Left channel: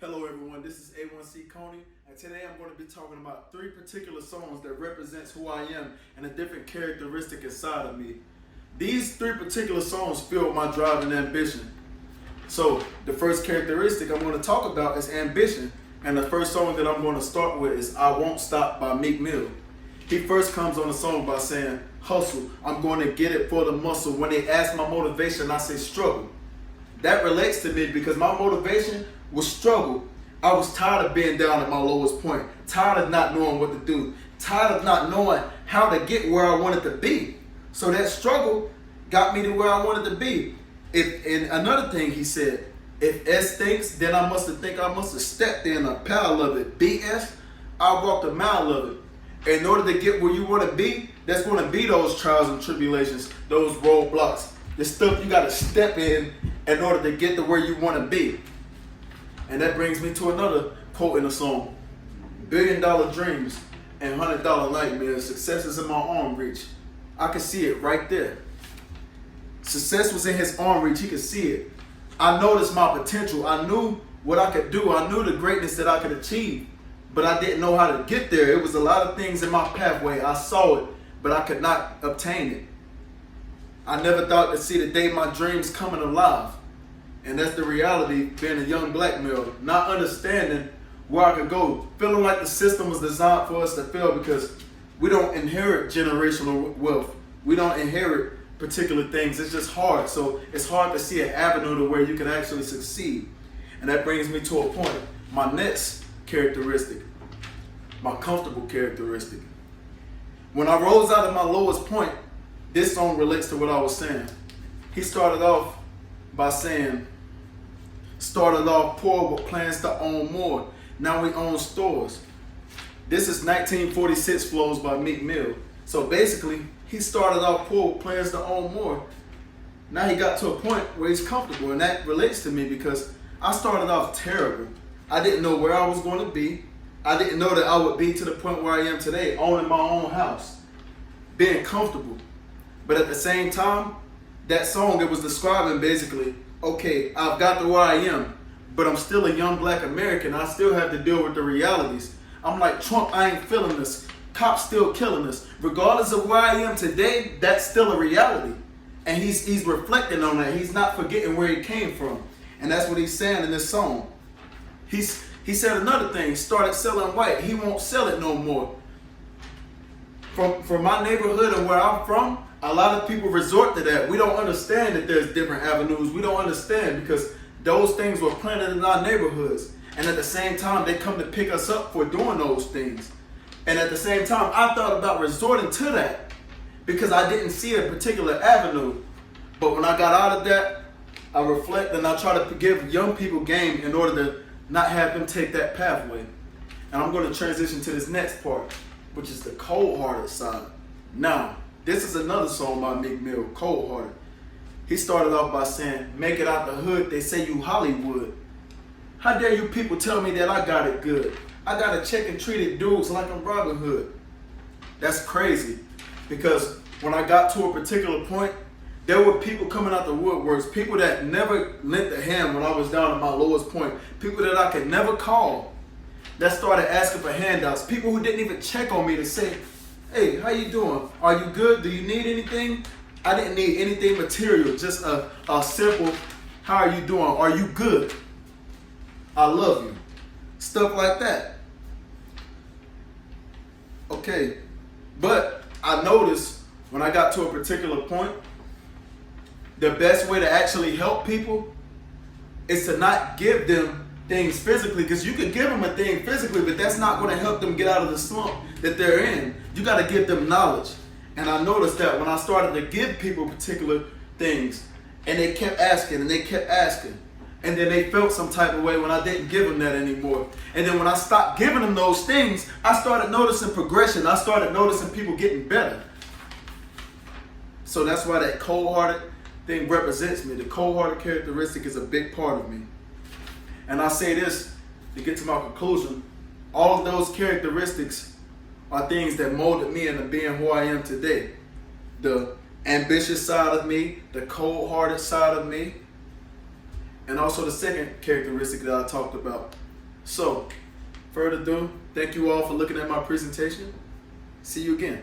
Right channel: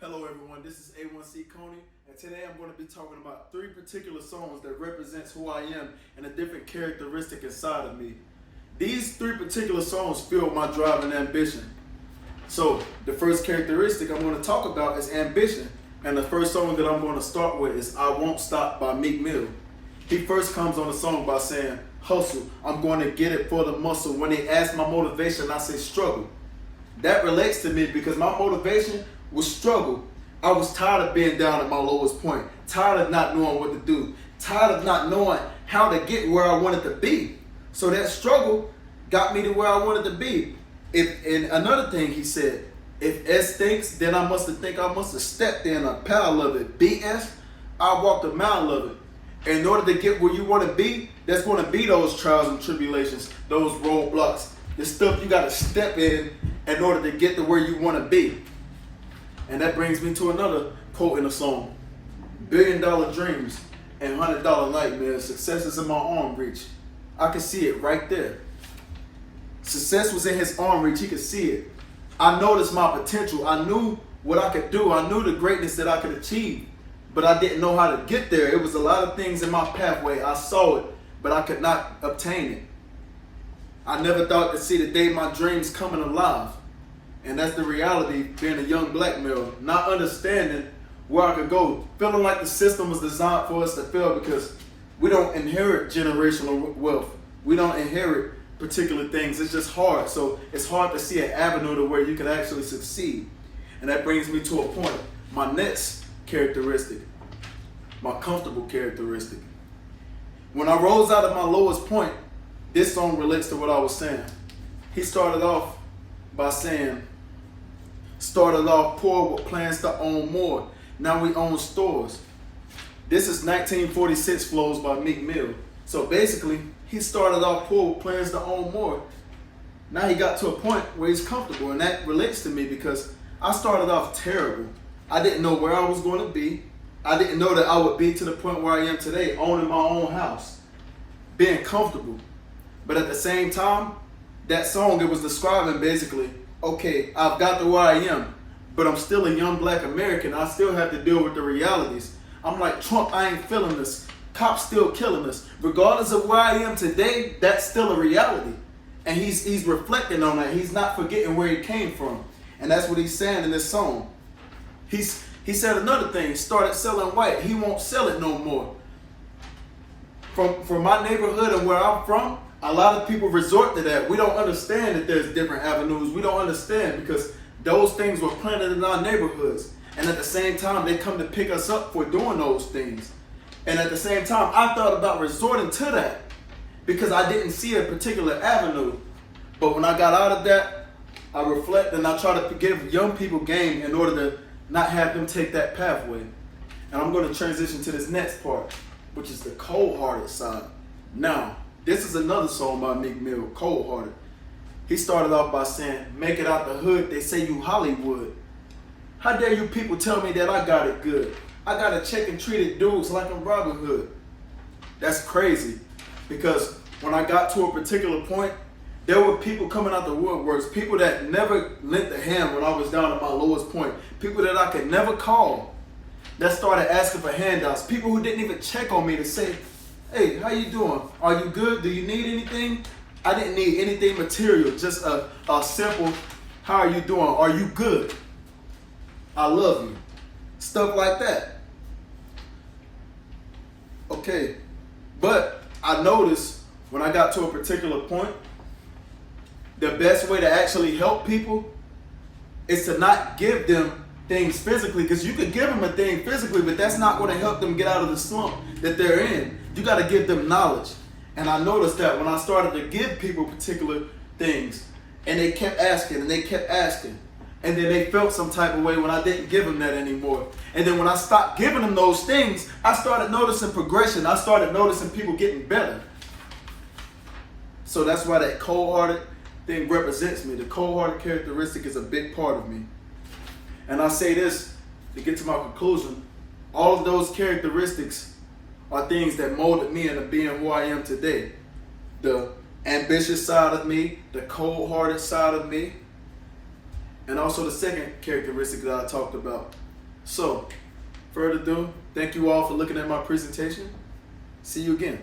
Hello everyone, this is A1C Coney, and today I'm going to be talking about three particular songs that represents who I am and a different characteristic inside of me. These three particular songs fuel my drive and ambition. So the first characteristic I'm going to talk about is ambition, and the first song that I'm going to start with is I Won't Stop by Meek Mill. He first comes on the song by saying, hustle, I'm going to get it for the muscle. When they ask my motivation, I say struggle. That relates to me because my motivation was struggle. I was tired of being down at my lowest point, tired of not knowing what to do, tired of not knowing how to get where I wanted to be. So that struggle got me to where I wanted to be. And another thing he said, if S stinks, then I must have stepped in a pile of it. BS, I walked a mile of it. In order to get where you want to be, there's going to be those trials and tribulations, those roadblocks, the stuff you got to step in order to get to where you want to be. And that brings me to another quote in the song. $1 billion dreams and $100 nightmares. Success is in my arm reach. I could see it right there. Success was in his arm reach. He could see it. I noticed my potential. I knew what I could do. I knew the greatness that I could achieve. But I didn't know how to get there. It was a lot of things in my pathway. I saw it, but I could not obtain it. I never thought to see the day my dreams coming alive. And that's the reality being a young black male, not understanding where I could go, feeling like the system was designed for us to fail because we don't inherit generational wealth. We don't inherit particular things. It's just hard. So it's hard to see an avenue to where you can actually succeed. And that brings me to a point. My next characteristic, my comfortable characteristic. When I rose out of my lowest point, this song relates to what I was saying. He started off by saying, started off poor with plans to own more. Now we own stores. This is 1946 flows by Meek Mill. So basically, he started off poor with plans to own more. Now he got to a point where he's comfortable, and that relates to me because I started off terrible. I didn't know where I was going to be. I didn't know that I would be to the point where I am today, owning my own house, being comfortable. But at the same time, that song, it was describing basically, okay, I've got to where I am, but I'm still a young black American. I still have to deal with the realities. I'm like, Trump, I ain't feeling this. Cops still killing us. Regardless of where I am today, that's still a reality. And he's reflecting on that. He's not forgetting where he came from. And that's what he's saying in this song. He said another thing, started selling white. He won't sell it no more. From my neighborhood and where I'm from, a lot of people resort to that. We don't understand that there's different avenues. We don't understand because those things were planted in our neighborhoods. And at the same time, they come to pick us up for doing those things. And at the same time, I thought about resorting to that because I didn't see a particular avenue. But when I got out of that, I reflect and I try to give young people game in order to not have them take that pathway. And I'm going to transition to this next part, which is the cold-hearted side. Now, this is another song by Meek Mill, Cold Hearted. He started off by saying, make it out the hood, they say you Hollywood. How dare you people tell me that I got it good? I got a check and treated dudes like I'm Robin Hood. That's crazy, because when I got to a particular point, there were people coming out the woodworks, people that never lent a hand when I was down at my lowest point, people that I could never call, that started asking for handouts, people who didn't even check on me to say, hey, how you doing? Are you good? Do you need anything? I didn't need anything material, just a simple, how are you doing? Are you good? I love you. Stuff like that. Okay, but I noticed when I got to a particular point, the best way to actually help people is to not give them things physically, because you could give them a thing physically, but that's not going to help them get out of the slump that they're in. You got to give them knowledge. And I noticed that when I started to give people particular things, and they kept asking, and they kept asking, and then they felt some type of way when I didn't give them that anymore. And then when I stopped giving them those things, I started noticing progression. I started noticing people getting better. So that's why that cold-hearted thing represents me. The cold-hearted characteristic is a big part of me. And I say this to get to my conclusion. All of those characteristics are things that molded me into being who I am today. The ambitious side of me, the cold-hearted side of me, and also the second characteristic that I talked about, So, further ado, thank you all for looking at my presentation. See you again.